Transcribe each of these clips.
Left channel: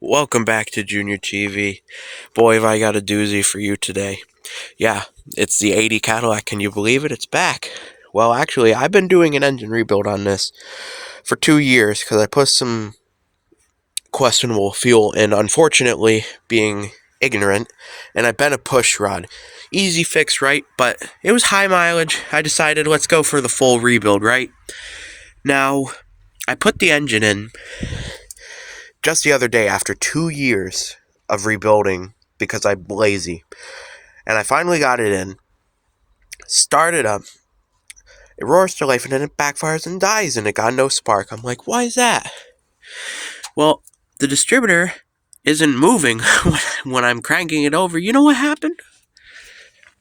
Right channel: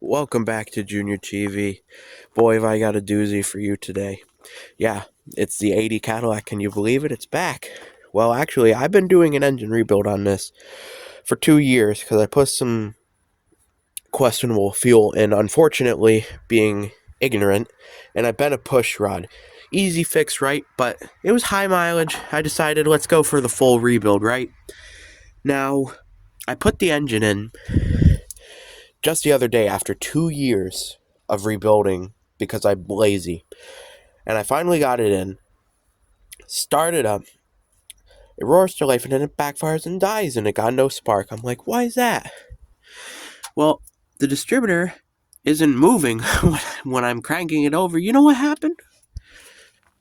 Welcome back to Junior TV. Boy, have I got a doozy for you today. Yeah, it's the 80 Cadillac. Can you believe it? It's back. Well, actually, I've been doing an engine rebuild on this for 2 years because I put some questionable fuel in, unfortunately, being ignorant, and I bent a push rod. Easy fix, right? But it was high mileage. I decided let's go for the full rebuild, right? Now, I put the engine in just the other day after 2 years of rebuilding because I'm lazy. And I finally got it in, started up, it roars to life, and then it backfires and dies, and it got no spark. I'm like, why is that? Well, the distributor isn't moving when I'm cranking it over. You know what happened?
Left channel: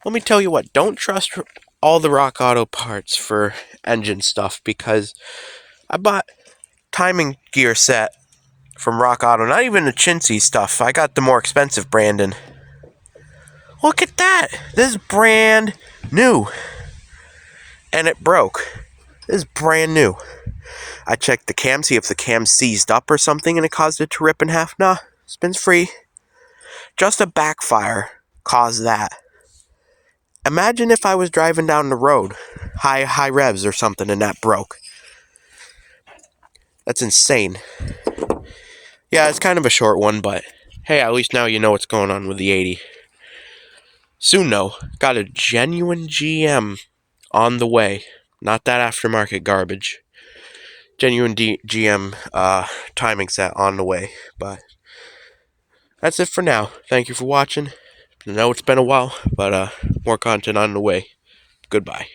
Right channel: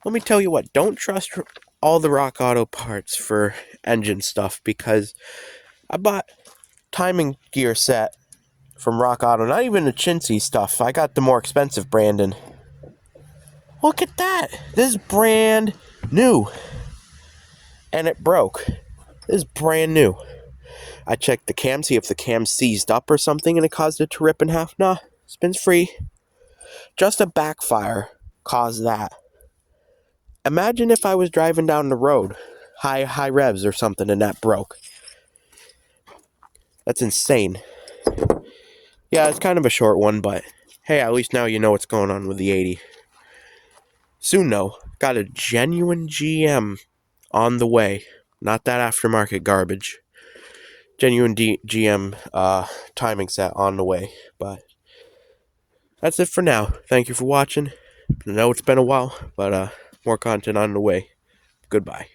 Let me tell you what, don't trust all the Rock Auto parts for engine stuff, because I bought timing gear set from Rock Auto, not even the chintzy stuff. I got the more expensive brand, and look at that. This is brand new. And it broke. This is brand new. I checked the cam, see if the cam seized up or something and it caused it to rip in half. Nah, spin's free. Just a backfire caused that. Imagine if I was driving down the road, high revs or something, and that broke. That's insane. Yeah, it's kind of a short one, but hey, at least now you know what's going on with the 80. Soon, though, got a genuine GM on the way. Not that aftermarket garbage. Genuine GM timing set on the way. But that's it for now. Thank you for watching. I know it's been a while, but more content on the way. Goodbye.